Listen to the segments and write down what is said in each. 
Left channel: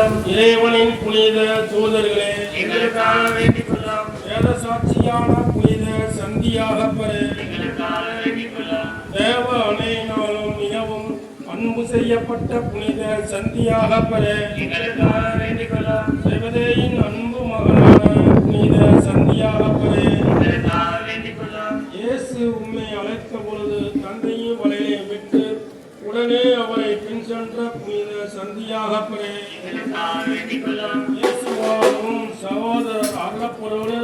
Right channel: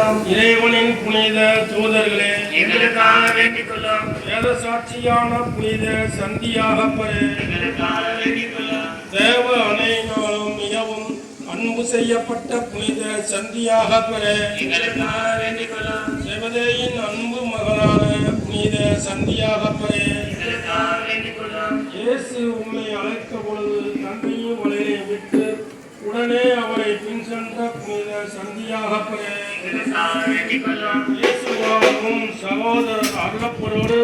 கொள்ளும். இறைவனின் புனித தூதர்களே, எங்களுக்காக வேண்டிக் கொள்ளும். வேத சாட்சியான புனித சந்தியாகப்பரே, எங்களுக்காக வேண்டிக் கொள்ளும். தேவ அணையினாலும் மிகவும் அன்பு செய்யப்பட்ட புனித சந்தியாகப்பரே, எங்களுக்காக வேண்டிக் கொள்ளும். செவதேயின் அன்பு மகனான புனித சந்தியாகப்பரே, எங்களுக்காக வேண்டிக் கொள்ளும். இயேசு உம்மை அழைத்த பொழுது தந்தையின் வலையை விட்டு உடனே அவரை பின் சென்ற புனித சந்தியாகப்பரே, எங்களுக்காக வேண்டிக் கொள்ளும். இயேசுவாகவும் சகோதரர் அருளப்பரோடு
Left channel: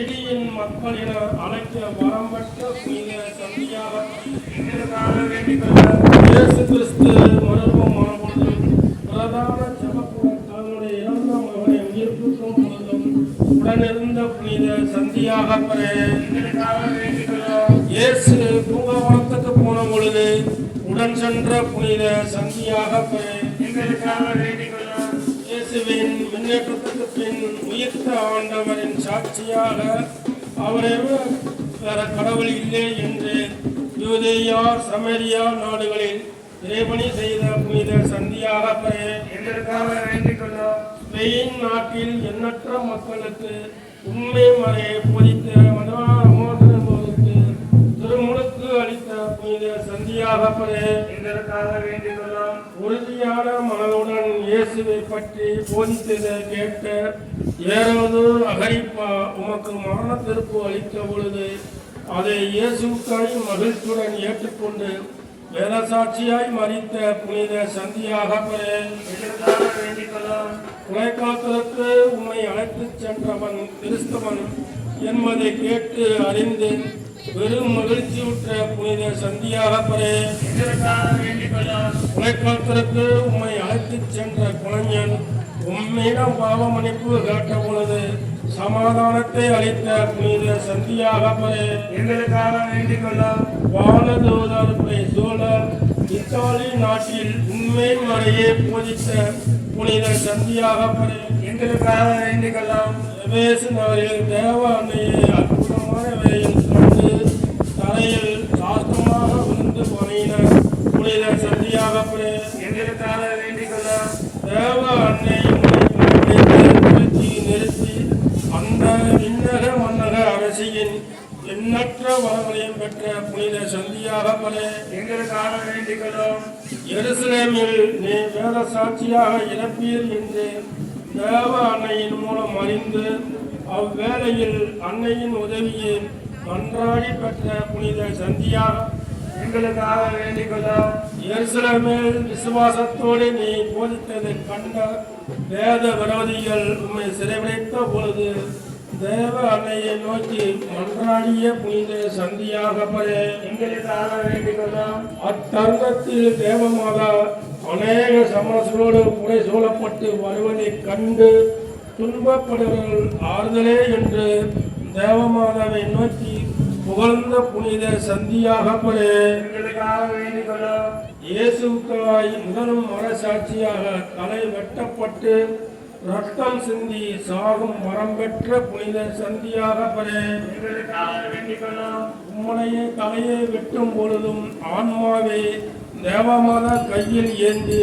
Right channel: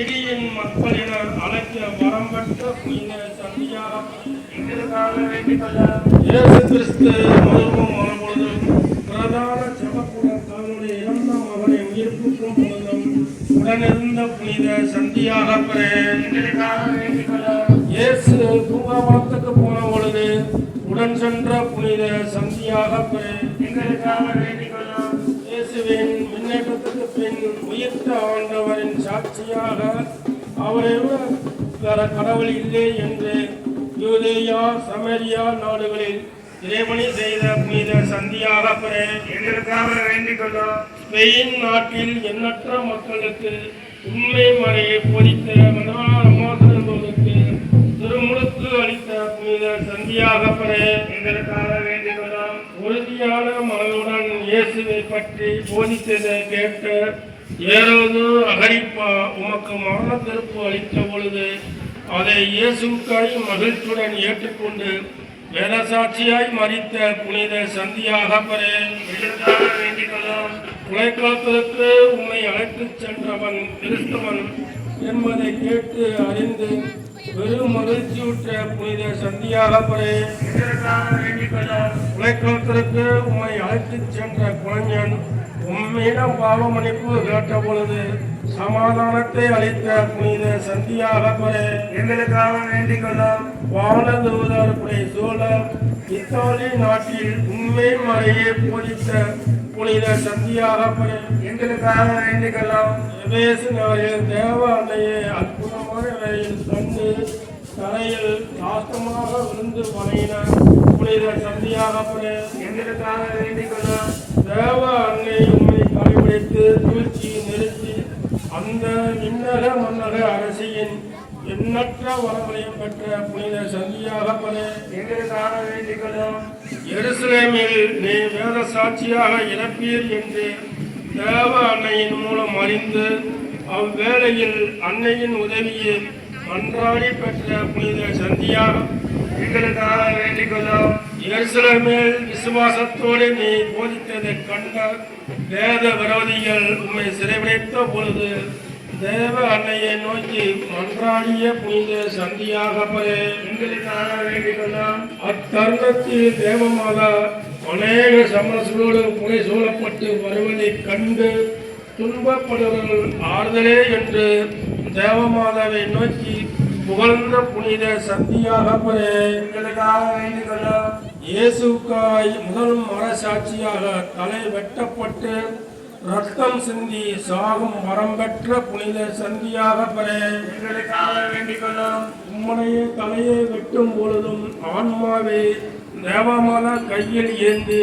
இடியின் மக்கள் என அழைக்க வரம் பெற்ற புனித சந்தியாகப்பரே, எங்களுக்காக வேண்டிக் கொள்ளும். இயேசு கிறிஸ்து மருத்துவமான பொழுது பிரதான ஜபக்கூடம் தன்னுடைய இறந்த மகனை உயிர்ப்பிக்கும் பொழுதும் உடனிருந்த புனித சந்தியாகப்பரே, எங்களுக்காக வேண்டிக் கொள்ளும். இயேசு பூங்காவனத்துக்கு போன பொழுது உடன் சென்ற புனித சந்தியாகப்பரே, எங்களுக்காக வேண்டிக் கொள்ளும். இயேசுவின் முன்னேற்றத்துக்கு பின் உயிர்த்த ஆண்டவரின் சாட்சியாக அவரை வேற கடவுள் இல்லை என்று யூதேயா சமரியா நாடுகளில் இறைபணி செய்த புனித சந்தியாகப்பரே, எங்களுக்காக வேண்டிக் கொள்ளும். ஸ்பெயின் நாட்டில் எண்ணற்ற மக்களுக்கு உண்மை மறையை போதித்த மனோரமோதற்கு திருமுழுக்கு அளித்த புனித சந்தியாகப்பரே, எங்களுக்காக வேண்டிக் கொள்ளும். உறுதியான மனதுடன் இயேசுவை பற்றி போதித்ததை கேட்ட ஏரோது அகரிப்பா உமக்கு மரண தீர்ப்பு அளித்த பொழுது அதை இயேசுக்காய் மகிழ்ச்சியுடன் ஏற்றுக்கொண்டு வேதசாட்சியாய் மரித்த புனித சந்தியாகப்பரே, எங்களுக்காக வேண்டிக் கொள்ளும். உழைக்காலத்திற்கு உம்மை அழைத்துச் சென்றவன் கிறிஸ்தவன் என்பதை கேட்டு அறிந்து பெரும் மகிழ்ச்சியுற்ற புனித சந்தியாகப்பரே, எங்களுக்காக வேண்டிக் கொள்ளும். உழைக்காலத்திற்கு உம்மை அழைத்துச் சென்ற குழந்தையன் உம்மிடம் பாவமன்னிப்பு கேட்ட பொழுது சமாதானத்தை அளித்த புனித சந்தியாகப்பரே, எங்களுக்காக வேண்டிக் கொள்ளும். வானதூதர் சோழ இத்தாலி நாட்டில் உண்மை மறையை போதித்த புனித சந்தியாகப்பரே, எங்களுக்காக வேண்டிக் கொள்ளும். எபேசு நாளில் தேவ அன்னையை அற்புதமான வேலையில் கண்டு தரையில் சாஸ்திரமாக விழுந்து வணங்கின புனித சந்தியாகப்பரே, எங்களுக்காக வேண்டிக் கொள்ளும். தேவ அன்னை உன்னை படைப்பிடித்து வீழ்ச்சி நிறுத்தி அந்த விண்ணக மன்னக அரசியின் எண்ணற்ற வளங்களையும் பெற்ற புனித சந்தியாகப்பரே, எங்களுக்காக வேண்டிக் கொள்ளும். எருசலேமில் நீ வேத சாட்சியாக இறப்பீர் என்று தேவ அன்னையின் மூலம் அறிந்து அவ்வேளையில் அன்னையின் உதவியை மன்றாடி பெற்ற புனித சந்தியாக எங்களுக்காக வேண்டிக் கொள்ளும். எருசலேமில் விசுவாசத்தோடு நீ போதித்ததை கண்ட வேத விரோதிகள் உம்மை சிறைபிடித்த பொழுது தேவ அன்னையை நோக்கி மன்றாடிய புனித சந்தியாகப்பரே, எங்களுக்காக வேண்டிக் கொள்ளும். அத்தருணத்தில் தேவமாதா அநேக சமஸ்களோடு புரை சூழப்பட்டு வருவதைக் கண்டு துன்பப்படுவர்கள் ஆறுதலே என்று தேவமாதாவை நோக்கி புகழ்ந்த புனித சந்தியாகப்பரே, எங்களுக்காக வேண்டிக் கொள்ளும். இயேசுக்காய் முதல் மரசாட்சியாக தலை வெட்டப்பட்டு ரத்தம் சிந்தி சாகும் மரம் பெற்ற புனித சந்தியாகப்பரே, எங்களுக்காக வேண்டிக் கொள்ளும். உம்முடைய தலையை வெட்டும் பொழுதும் ஆன்மாவை தேவமாதா கையில் ஏந்தி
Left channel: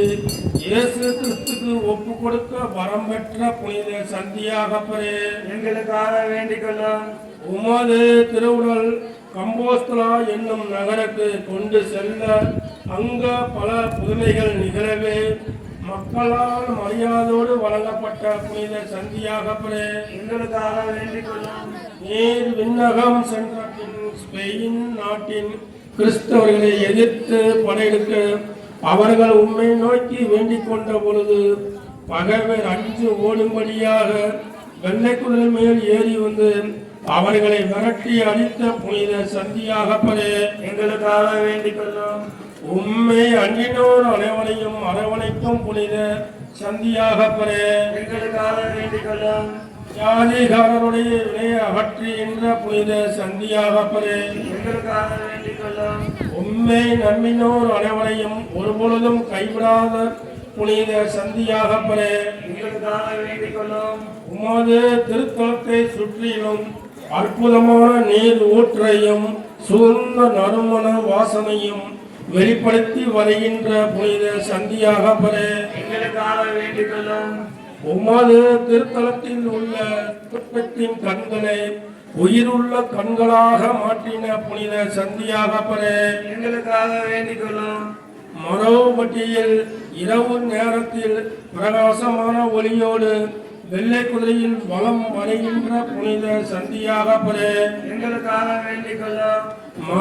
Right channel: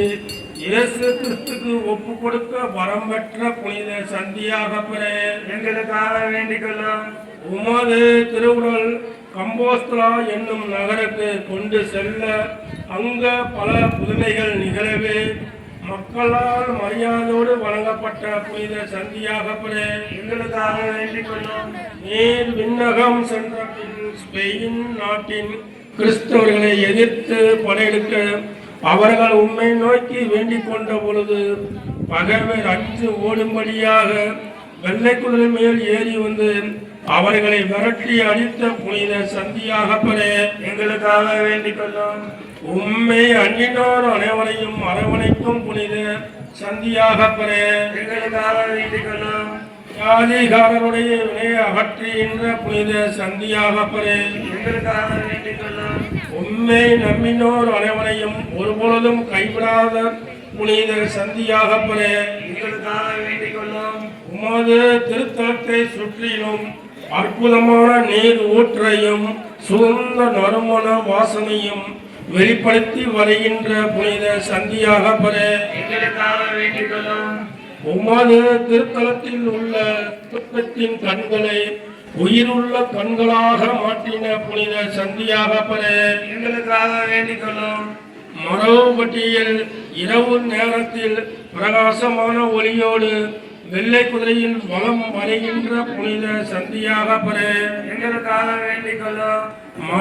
இயேசு கிறிஸ்துக்கு ஒப்பு கொடுக்க வரம் பெற்ற புனித சந்தியாகப்பரே, எங்களுக்காக வேண்டிக் கொள்ளும். உமது திருவுடல் கம்போஸ்தலா என்னும் நகருக்கு கொண்டு செல்ல அங்க பல புதுமைகள் நிகழவே மக்களால் மரியாதையோடு வழங்கப்பட்ட புனித சந்தியாகப்பரே, எங்களுக்காக வேண்டிக் கொள்ளும். நீர் விண்ணகம் சென்ற பின் ஸ்பெயின் நாட்டின் கிறிஸ்தவர்களை எதிர்த்து படையெடுக்க அவர்கள் உம்மை நோக்கி வேண்டிக் கொண்ட பொழுது பகைவர் அஞ்சு ஓடும்படியாக வெள்ளைக்குதிரை மேல் ஏறி வந்து அவர்களை விரட்டி அடித்த புனித சந்தியாகப்பரே, எங்களுக்காக வேண்டிக் கொள்ளும். உம்மை அன்பினோர் அனைவரையும் அரவணைக்கும் புனித சந்தியாகப்பரே, எங்களுக்காக வேண்டிக் கொள்ளும். ஜாதிகாரருடைய வினையை அகற்றுகின்ற புனித சந்தியாகப்பரே, எங்களுக்காக வேண்டிக் கொள்ளும். உம்மை நம்பினோர் அனைவரையும் ஒருபொழுதும் கைவிடாத புனித சந்தியாகப்பரே, எங்களுக்காக வேண்டிக் கொள்ளும். உமது திருத்தலத்தை சுற்றிலும் அற்புதமான நீர் ஊற்றையும் சுகந்த நறுமண வாசனையும் வெளிப்படுத்தி வருகின்ற புனித சந்தியாகப்பர எங்களுக்காக வேண்டிக் கொள்ளும். உமது திருத்தலத்தில் உள்ள புத்தத்தின் கண்களை உயிருள்ள கண்களாக மாற்றின புனித சந்தியாகப்பர எங்களுக்காக வேண்டிக் கொள்ளும். மரபட்டியில் இரவு நேரத்தில் பிரகாசமான ஒளியோடு வெள்ளை குதிரையில் வலம் வருகின்ற புனித சந்தியாகப்பர எங்களுக்காக வேண்டிக் கொள்ளும். மர